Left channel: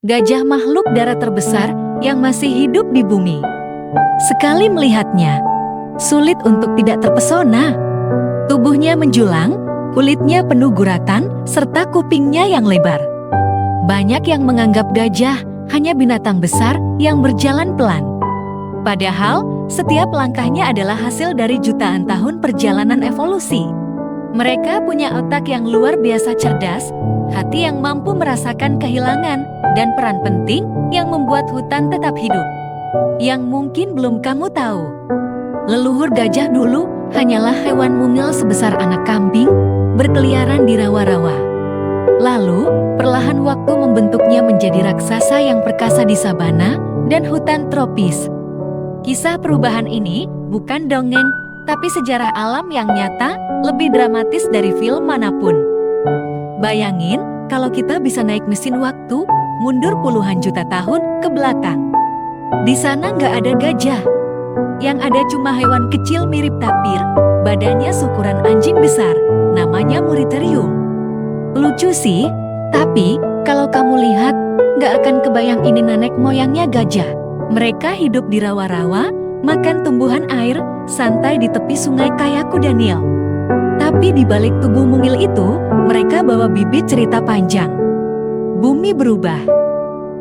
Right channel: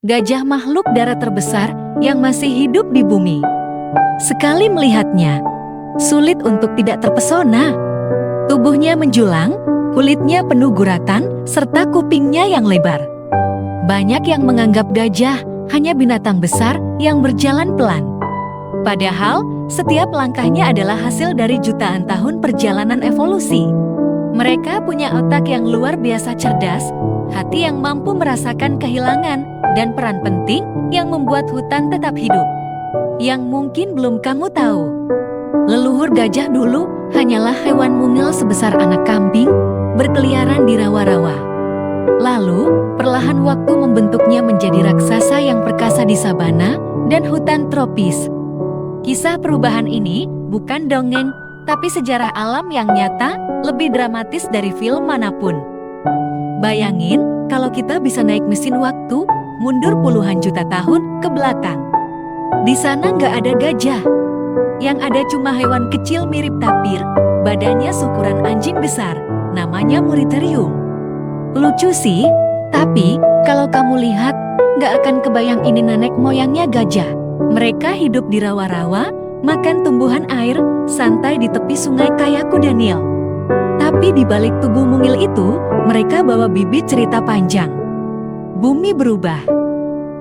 Gajah makhluk darat terbesar yang masih hidup di bumi. Sekali melihatnya, sulit untuk tidak terpesona. Tubuhnya menjulang, kulitnya penuh guratan, serta kupingnya yang lebar. Banyak yang menganggap gajah hanya binatang besar yang berjalan pelan. Padahal, setiap langkahnya adalah hasil dari jutaan tahun perjalanan evolusi. Mereka punya otak yang luar biasa cerdas, hati yang mampu merasakan kehilangan, dan peran penting yang membuat hutan tetap hidup. Yang mungkin belum kamu tahu, leluhur gajah dulu hanyalah hewan mungil sebesar anak kambing, berkeliaran di rawa-rawa. Lalu, perlahan waktu membentuknya menjadi raksasa yang perkasa di sabana dan hutan tropis. Kisah perubahan ini bukan dongeng, tapi sejarah alam yang nyata, lebih dramatis dari film manapun. Bayangin kalau kita bisa naik mesin waktu, mundur puluhan juta tahun ke belakang. Di sana nggak ada gajah. Yang ada cuma hewan kecil mirip tapir, badannya seukuran anjing besar, namanya Muriterium. Lucu sih, tapi kalau kamu lihat, nggak akan kebayang ini nenek moyangnya gajah. Mereka hidup di rawa-rawa, makan tumbuhan air, santai di tepi sungai kayak kuda Nil. Tapi di balik tubuh mungil itu, mereka bawa bibit cerita panjang. Bumi berubah.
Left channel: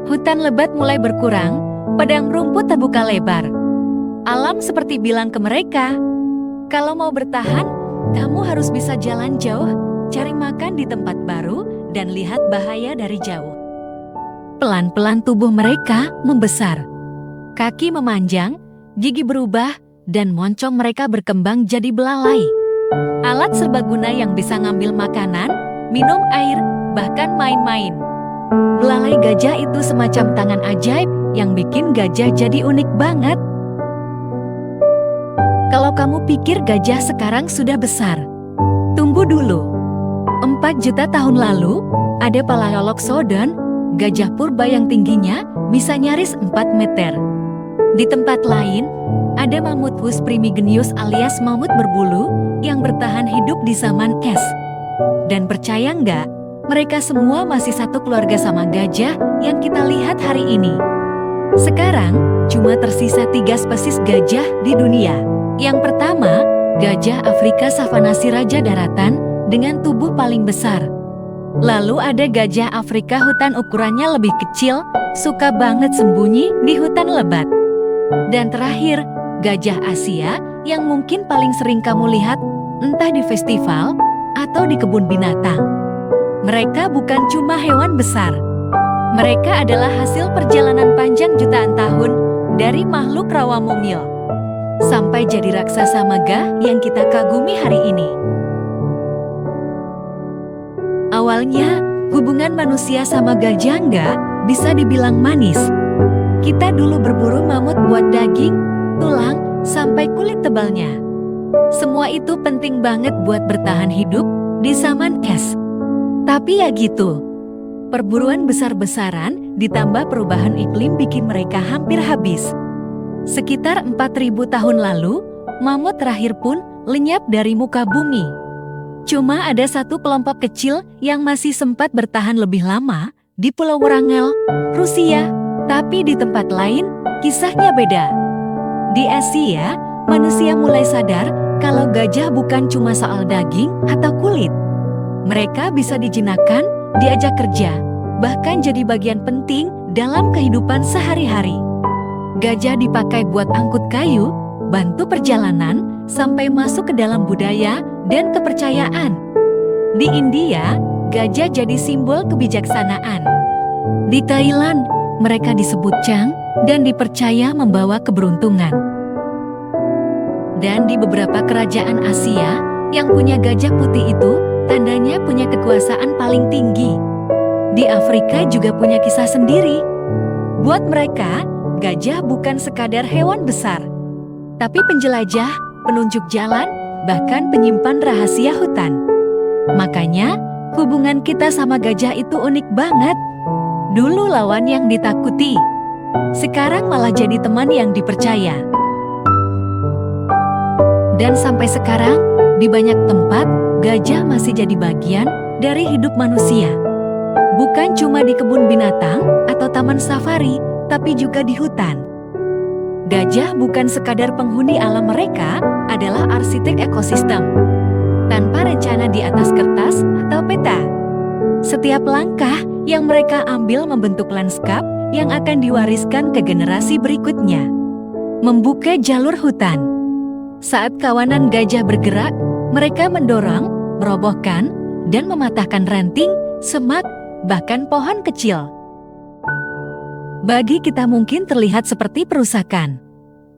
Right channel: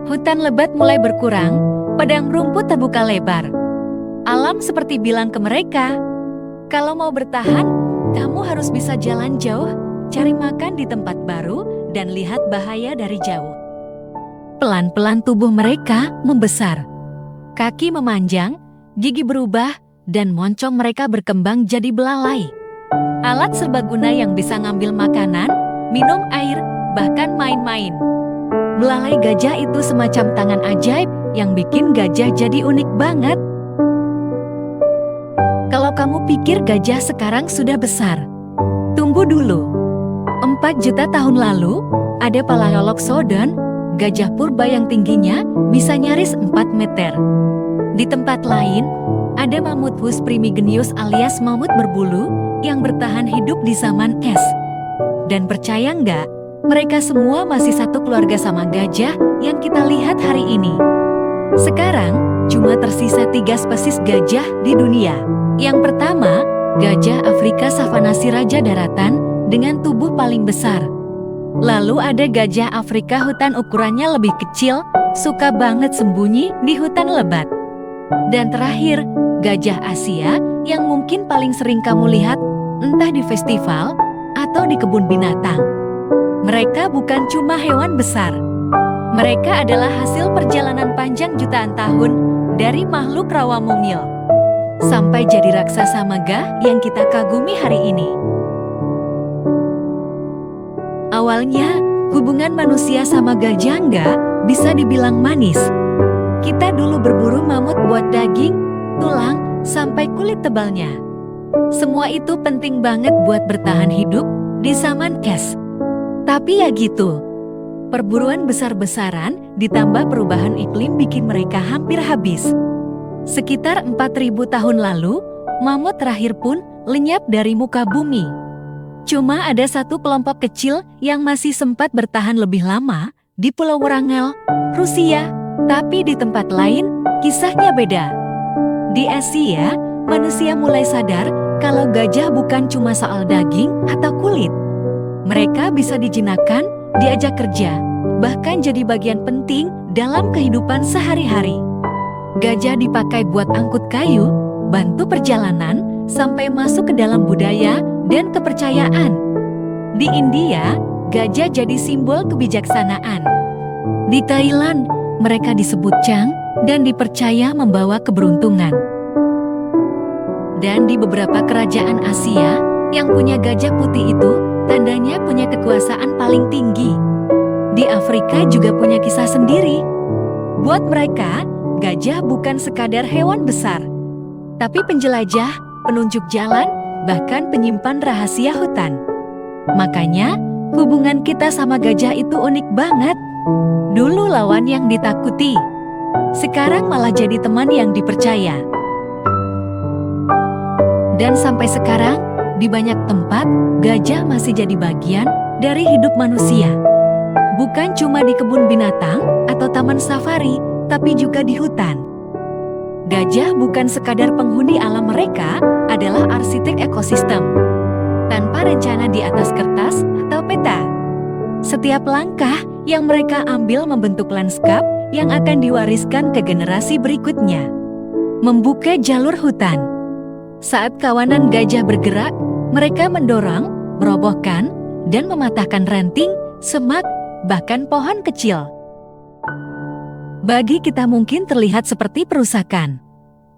Hutan lebat mulai berkurang, padang rumput terbuka lebar. Alam seperti bilang ke mereka, kalau mau bertahan, kamu harus bisa jalan jauh, cari makan di tempat baru, dan lihat bahaya dari jauh. Pelan-pelan tubuh mereka membesar. Kaki memanjang, gigi berubah, dan moncong mereka berkembang jadi belalai. Alat serbaguna yang bisa ngambil makanan, minum air, bahkan main-main. Belalai gajah itu semacam tangan ajaib yang bikin gajah jadi unik banget. Kalau kamu pikir gajah sekarang sudah besar, tunggu dulu. 4 juta tahun lalu, ada Paleolopsodon, gajah purba yang tingginya bisa nyaris 4 meter. Di tempat lain, ada Mammuthus primigenius alias mamut berbulu yang bertahan hidup di zaman es. Dan percaya nggak, mereka semua masih satu keluarga sama gajah yang kita lihat hari ini. Sekarang, cuma tersisa 3 spesies gajah di dunia. Yang pertama, gajah Afrika savanasi raja daratan dengan tubuh paling besar. Lalu ada gajah Afrika hutan ukurannya lebih kecil, suka banget sembunyi di hutan lebat. Dan terakhir, gajah Asia yang mungkin paling sering kamu lihat entah di festival atau di kebun binatang. Mereka bukan cuma hewan besar. Mereka adalah hasil perjalanan panjang jutaan tahun dari makhluk rawa mungil sampai jadi raksasa megah yang kita kagumi hari ini. Awalnya, hubungan manusia sama gajah nggak bisa dibilang manis. Kita dulu berburu mamut buat daging, tulang, sampai kulit tebalnya. Semua itu penting banget buat bertahan hidup di zaman es. Tapi ya gitu, perburuan besar-besaran ditambah perubahan iklim bikin mereka hampir habis. Sekitar 4.000 tahun lalu, mamut terakhir pun lenyap dari muka bumi. Cuma ada satu kelompok kecil yang masih sempat bertahan lebih lama di Pulau Wrangel, Rusia. Tapi di tempat lain, kisahnya beda. Di Asia, manusia mulai sadar kalau gajah bukan cuma soal daging atau kulit. Mereka bisa dijinakkan, diajak kerja, bahkan jadi bagian penting dalam kehidupan sehari-hari. Gajah dipakai buat angkut kayu, bantu perjalanan, sampai masuk ke dalam budaya dan kepercayaan. Di India, gajah jadi simbol kebijaksanaan. Di Thailand, mereka disebut Chang dan dipercaya membawa keberuntungan. Dan di beberapa kerajaan Asia yang punya gajah putih itu, tandanya punya kekuasaan paling tinggi. Di Afrika juga punya kisah sendiri. Buat mereka, gajah bukan sekadar hewan besar, tapi penjelajah, penunjuk jalan, bahkan penyimpan rahasia hutan. Makanya, hubungan kita sama gajah itu unik banget. Dulu lawan yang ditakuti, sekarang malah jadi teman yang dipercaya. Dan sampai sekarang, di banyak tempat, gajah masih jadi bagian dari hidup manusia. Bukan cuma di kebun binatang atau taman safari, tapi juga di hutan. Gajah bukan sekadar penghuni alam, mereka adalah arsitek ekosistem. Tanpa rencana di atas kertas atau peta, setiap langkah yang mereka ambil membentuk lanskap yang akan diwariskan ke generasi berikutnya. Membuka jalur hutan. Saat kawanan gajah bergerak, mereka mendorong, merobohkan, dan mematahkan ranting, semak, bahkan pohon kecil. Bagi kita mungkin terlihat seperti perusakan,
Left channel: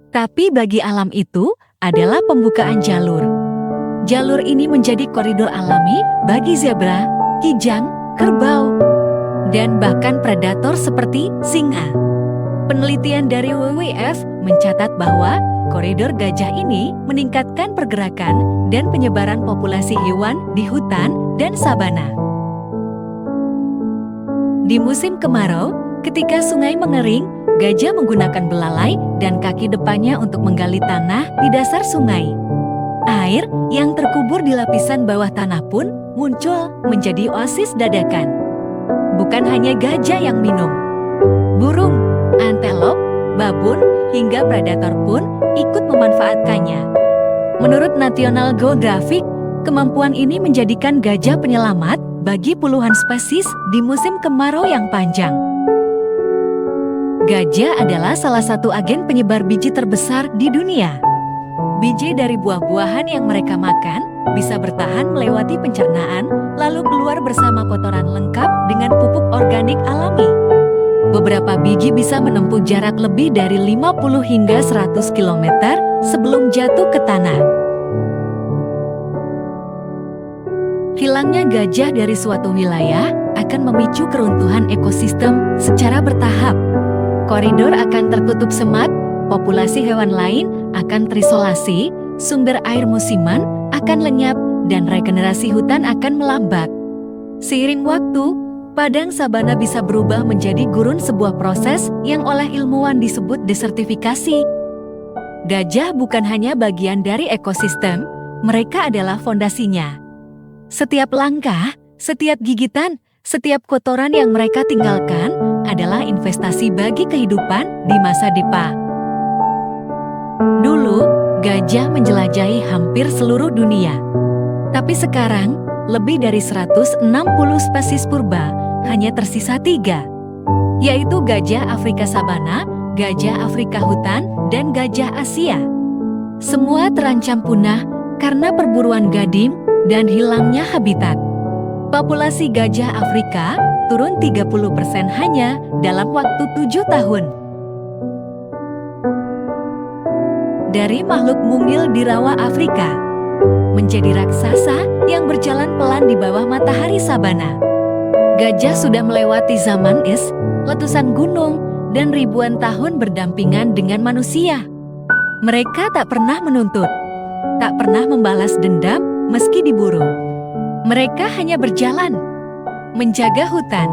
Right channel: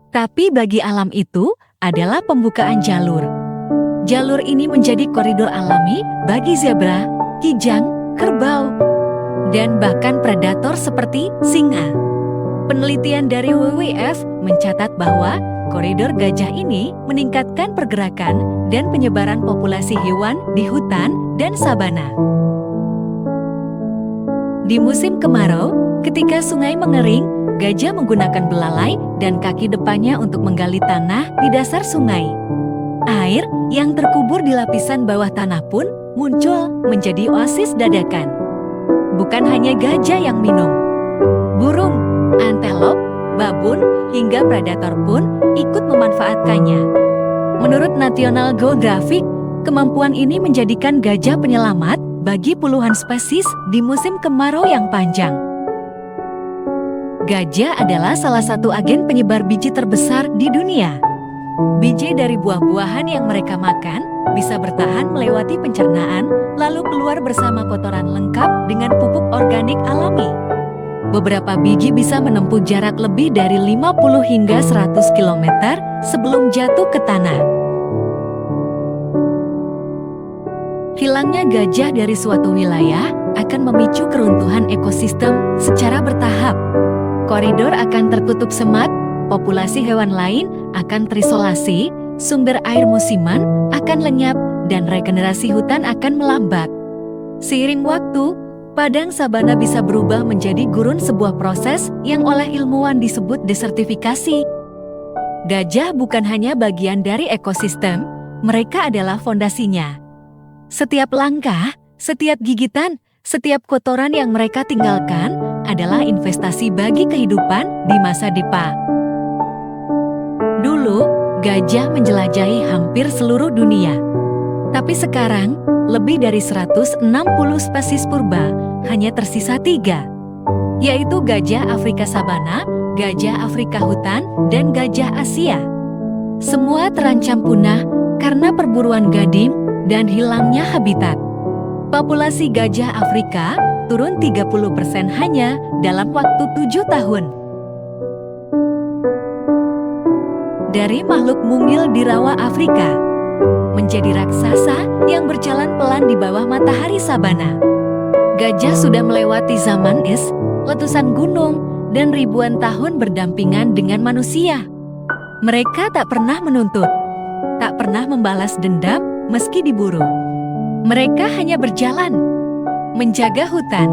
tapi bagi alam itu adalah pembukaan jalur. Jalur ini menjadi koridor alami bagi zebra, kijang, kerbau, dan bahkan predator seperti singa. Penelitian dari WWF mencatat bahwa koridor gajah ini meningkatkan pergerakan dan penyebaran populasi hewan di hutan dan sabana. Di musim kemarau, ketika sungai mengering, gajah menggunakan belalai dan kaki depannya untuk menggali tanah di dasar sungai. Air yang terkubur di lapisan bawah tanah pun muncul menjadi oasis dadakan. Bukan hanya gajah yang minum. Burung, antelop, babun, hingga predator pun ikut memanfaatkannya. Menurut National Geographic, kemampuan ini menjadikan gajah penyelamat bagi puluhan spesies di musim kemarau yang panjang. Gajah adalah salah satu agen penyebar biji terbesar di dunia. Biji dari buah-buahan yang mereka makan bisa bertahan melewati pencernaan, lalu keluar bersama kotoran lengkap dengan pupuk organik alami. Beberapa biji bisa menempuh jarak lebih dari 50 hingga 100 km sebelum jatuh ke tanah. Hilangnya gajah dari suatu wilayah akan memicu keruntuhan ekosistem secara bertahap. Koridor akan tertutup semak, populasi hewan lain akan terisolasi, sumber air musiman akan lenyap, dan regenerasi hutan akan melambat. Seiring waktu, padang sabana bisa berubah menjadi gurun, sebuah proses yang oleh ilmuwan disebut desertifikasi. Gajah bukan hanya bagian dari ekosistem, mereka adalah fondasinya. Setiap langkah, setiap gigitan, setiap kotoran yang mereka tinggalkan adalah investasi bagi kehidupan di masa depan. Dulu, gajah menjelajahi hampir seluruh dunia. Tapi sekarang, lebih dari 160 spesies purba hanya tersisa 3, yaitu gajah Afrika sabana, gajah Afrika hutan, dan gajah Asia. Semua terancam punah karena perburuan gadim dan hilangnya habitat. Populasi gajah Afrika turun 30% hanya dalam waktu 7 tahun. Dari makhluk mungil di rawa Afrika, menjadi raksasa yang berjalan pelan di bawah matahari sabana. Gajah sudah melewati zaman es, letusan gunung, dan ribuan tahun berdampingan dengan manusia. Mereka tak pernah menuntut, tak pernah membalas dendam meski diburu. Mereka hanya berjalan, menjaga hutan,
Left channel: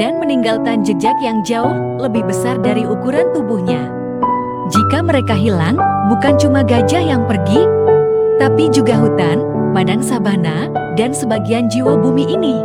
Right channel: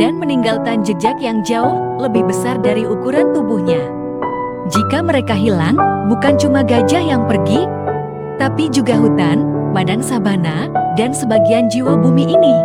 dan meninggalkan jejak yang jauh lebih besar dari ukuran tubuhnya. Jika mereka hilang, bukan cuma gajah yang pergi, tapi juga hutan, padang sabana, dan sebagian jiwa bumi ini.